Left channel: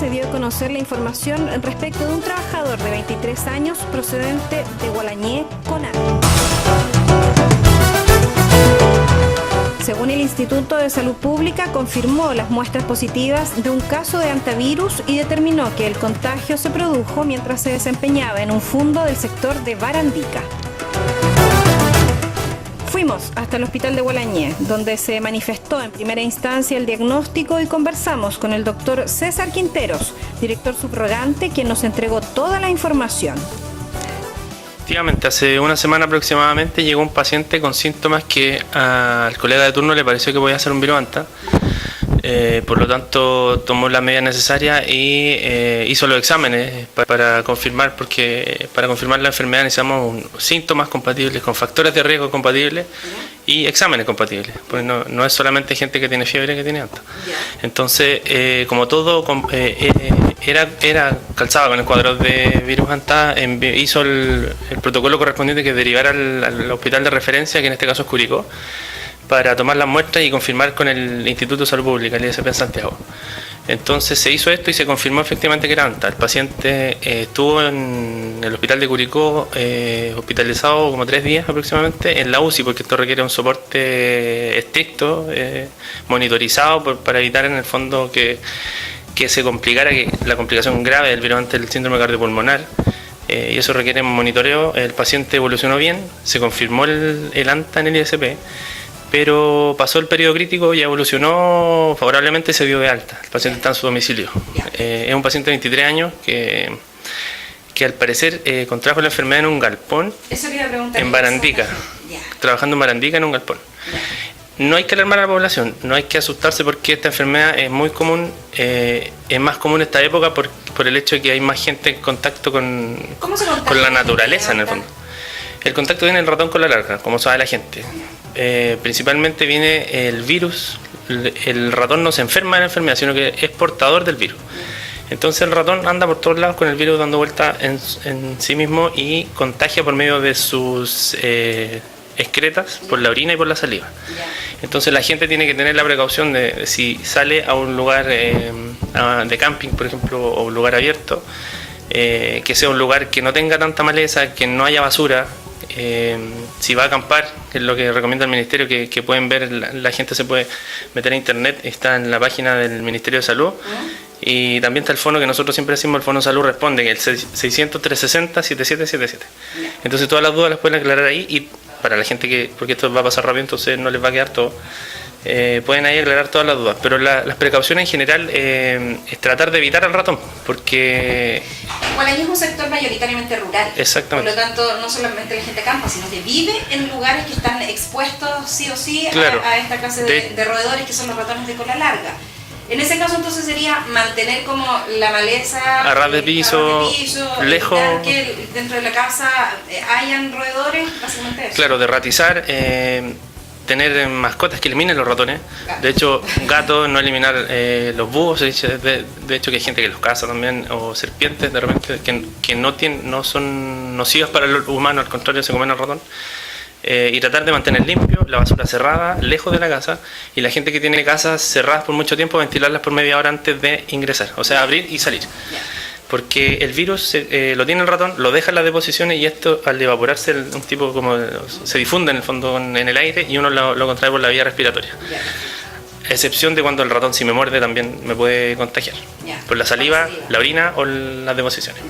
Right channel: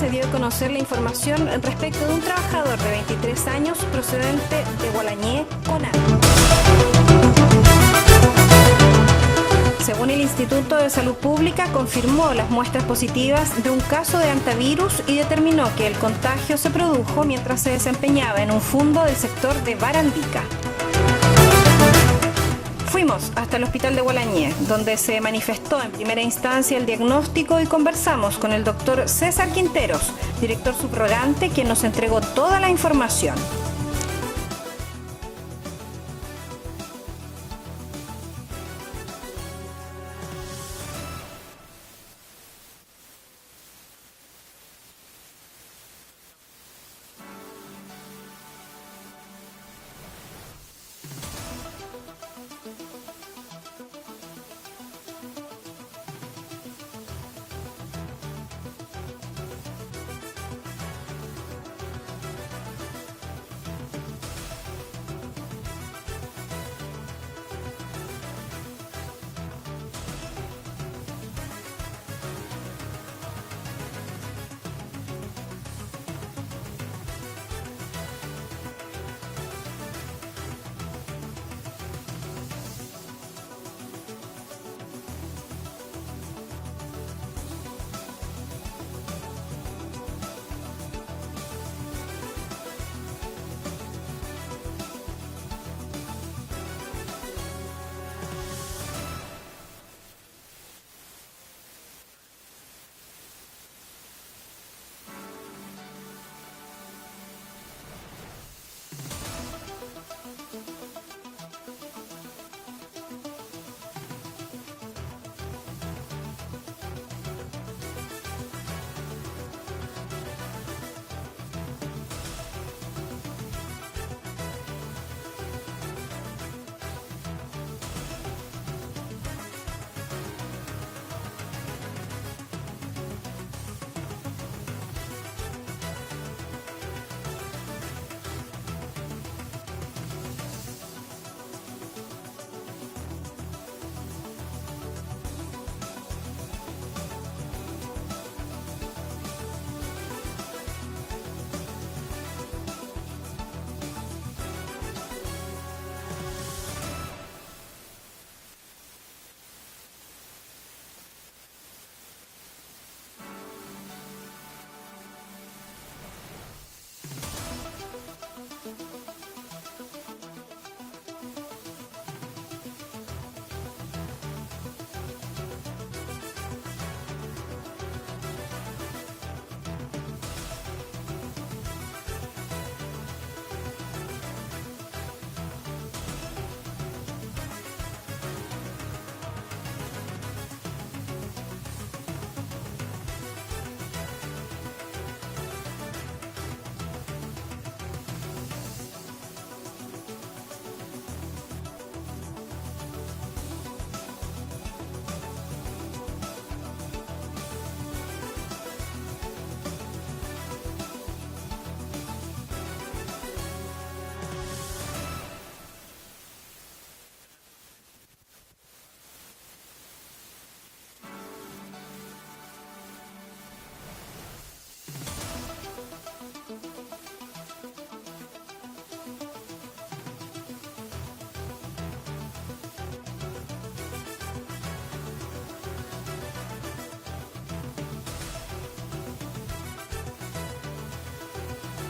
se dio a conocer la información respecto de un trabajador de 23 años procedente de Gualañé, Conan. Según el Instituto de Salud Pública, confirmó las muestras positivas de un caso de hantavirus y determinó que el contagio se produjo mientras se desempeñaba en un fundo del sector de Barandica. Fuimos hasta el hospital de Gualañé, donde se manifestó en primera instancia el diagnóstico y conversamos con el doctor César Quinteros, director subrogante, quien nos entregó toda la información. Efectivamente, hace una semana aproximadamente llegó un paciente con síntomas que al colega de turno le pareció que podía ser un virus Hanta. Por lo tanto, tomó las medidas necesarias y hizo los exámenes para confirmar, porque para confirmar la enfermedad necesitamos síntomas compatibles con factores de riesgo compatibles y exámenes compatibles, pues no es solamente gente que tiene fiebre que tiene Hanta. Entonces, como todo era calzado con el cuadro de virus Hanta, hizo el protocolo correspondiente, que derivar al hospital de referencia, que en este caso es Curicó, para tomar las muestras y confirmar con el Instituto de Salud Pública, el ISP en Santiago. Entonces se hizo esto y se confirmó efectivamente que era Hanta. El paciente estuvo en el hospital de Curicó hospitalizado como 3 días aproximadamente en la UCI, porque esto requiere un soporte estricto, monitorizado, para evitar en el fondo que se complicara la complicación grave del virus Hanta, el síndrome cardiopulmonar. Y eso requiere un monitoreo. El paciente evolucionó bien, se confirmó el Hanta en el ISP, pero pasó el periodo crítico y evolucionó favorablemente y se dio de alta. El paciente está en su domicilio. Es un paciente de 23 años que al parecer contrajo la enfermedad en un galpón en Barandica, trabajando en Barandica en un galpón. No hay que alarmar a la población, no hay que asustarse, porque esta enfermedad es muy común, es más común esta época por el hecho de que hay más gente en contacto con la naturaleza en el fondo. El contacto viene del ratón con la larga, como sabe la gente. Principalmente viene el virus, el ratón no se enferma de la enfermedad, sino que es portador del virus. Entonces el ratón anda por todos lados con el virus dando vuelta en sí mismo y contagia por medio de sus excretas, por la orina y por la saliva. Entonces la gente tiene que tener la precaución de, si sale a un lugar de camping, por ejemplo, o un lugar abierto, que sea un lugar que no tenga tanta maleza, que no haya basura. Si va a acampar, que es lo que recomienda el Ministerio, que pueden ver, la gente se puede meter a internet, está en la página del Ministerio de Salud, y también está el fono que nosotros siempre decimos, el Fono Salud Responde, que es el 600-360-7777. Entonces todas las dudas las pueden aclarar ahí, y para la gente porque esto va a pasar rápido, entonces no les va a quedar todo, pueden ahí aclarar todas las dudas, pero las precauciones en general es tratar de evitar al ratón, porque Gualañé es un sector mayoritariamente rural. Exactamente. Por lo tanto, no solamente la gente campa, sino que vive en lugares que están expuestos sí o sí a esta clase de roedores, que son los ratones de cola larga. En ese caso, entonces, sería mantener como la maleza a ras de piso, lejos, que dentro de la casa hayan roedores, básicamente eso. Claro, derratizar, tener mascotas que eliminen los ratones. Claro. De hecho, gatos, no eliminar los búhos. De hecho, que hay gente que los caza también, o serpientes de repente, que no son nocivas para el humano, al contrario, se comen al ratón. Y tratar de mantener limpio, la basura cerrada, lejos de la casa, y la gente que tiene casas cerradas por mucho tiempo, ventilarlas por media hora antes de ingresar, o sea, abrir y salir. Porque el virus lo tiene el ratón, lo deja en las deposiciones, y esto, al evaporarse, un tipo como se difunde en el fondo en el aire, y uno lo contrae por la vía respiratoria. Excepción de cuando el ratón, si me muerde, también me puede contagiar por la saliva, la orina o las deposiciones.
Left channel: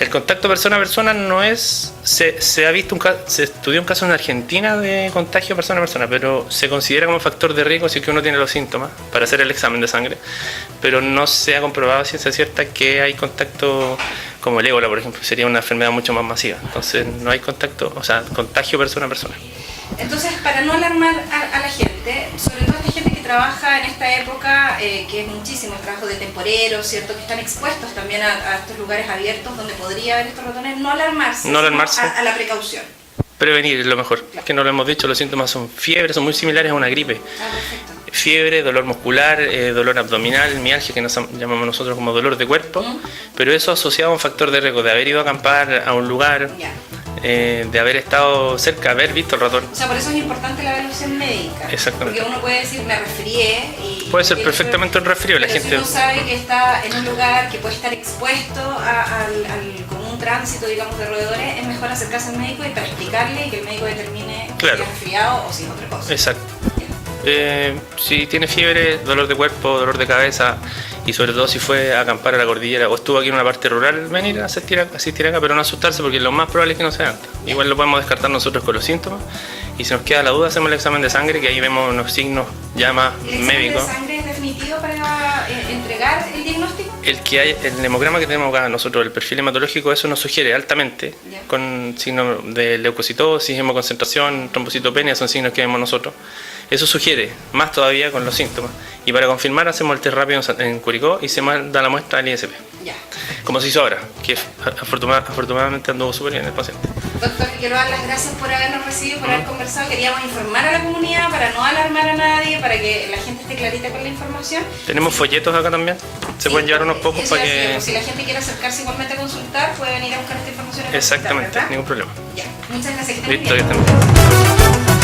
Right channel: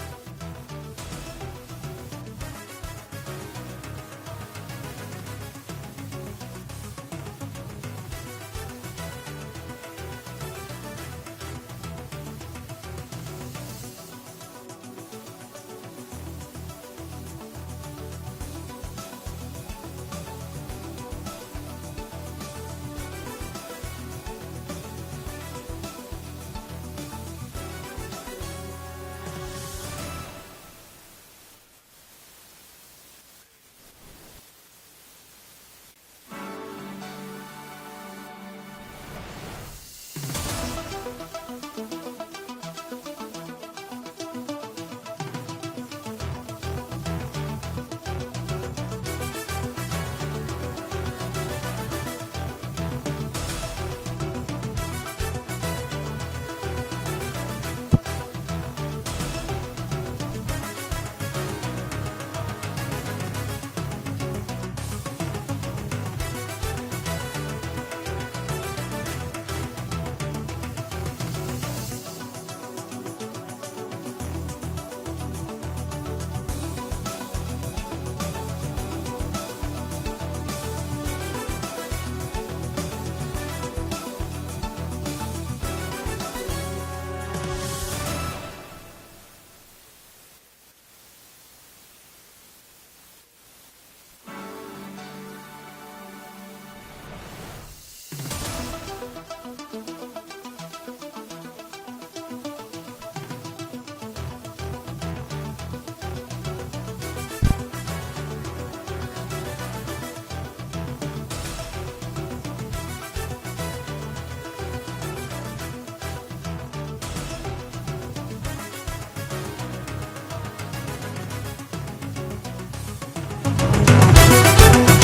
El contacto persona a persona no es... Se ha visto se estudió un caso en Argentina de contagio persona a persona, pero se considera como factor de riesgo si que uno tiene los síntomas para hacer el examen de sangre, pero no se ha comprobado a ciencia cierta que hay contacto, como el ébola, por ejemplo, sería una enfermedad mucho más masiva. Entonces no hay contacto, o sea, contagio persona a persona. Entonces, para no alarmar a la gente, sobre todo esta gente que trabaja en esta época, que es muchísimo el trabajo de temporeros, ¿cierto? Que están expuestos también a estos lugares abiertos donde podría haber estos ratones, no alarmarse. A la precaución. Prevenir es lo mejor, claro. Que no lo hemos dicho, los síntomas son fiebre, son muy similares a una gripe. Fiebre, dolor muscular, dolor abdominal, mialgia, que nos llamamos nosotros como dolor de cuerpo, pero eso asociado a un factor de riesgo, de haber ido a acampar a un lugar, de haber estado cerca, haber visto el ratón. O sea, por eso es importante la evaluación médica. Exactamente. Porque uno puede decir, me resfrié y Puede ser perfectamente un resfrío, la pero gente... si uno sabe que está en un lugar que puede estar expuesto con un tránsito, digamos, de roedores, es mejor acercarse al médico y para explicarle y que el médico determine si Claro. es resfriado o si es otra cosa. Exacto. Si tiene fiebre, dolor de cuerpo, dolor de cabeza y sobre todo si fue a acampar a la cordillera o estuvo aquí en una parte rural, venir a asistir acá, pero no asustarse porque lo más probable es que no sea antes. Igual lo podemos descartar nosotros con los síntomas y si nos queda la duda hacemos el examen de sangre, que ahí vemos unos signos ya más médicos. ¿El examen de sangre es definitivo para entregar el diagnóstico? El hemograma que tenemos acá nosotros, el perfil hematológico, eso nos sugiere altamente, Ya. con signos de leucocitosis, hemoconcentración, trombocitopenia, son signos que vemos nosotros. Eso sugiere, más todavía con los síntomas. Y para confirmar hacemos el test rápido en Curicó y se manda la muestra al ISP. Ya. Como se hizo ahora, que afortunadamente anduvo súper bien el paciente. Doctor, quiero dar las gracias por habernos recibido, por haber conversado. Queríamos informar a la comunidad para no alarmar a nadie, para que la gente esté clarita con la información. Tenemos folletos acá también, se Sí, pueden llevar unos pocos eso para es, que... pues, si la gente quiere acercarse igualmente a consultar, puede venir a buscar esta información. En la Exactamente, consulta, ¿verdad? ningún problema. Ya. Muchas gracias. Que estén muy Listo, bien. ya está.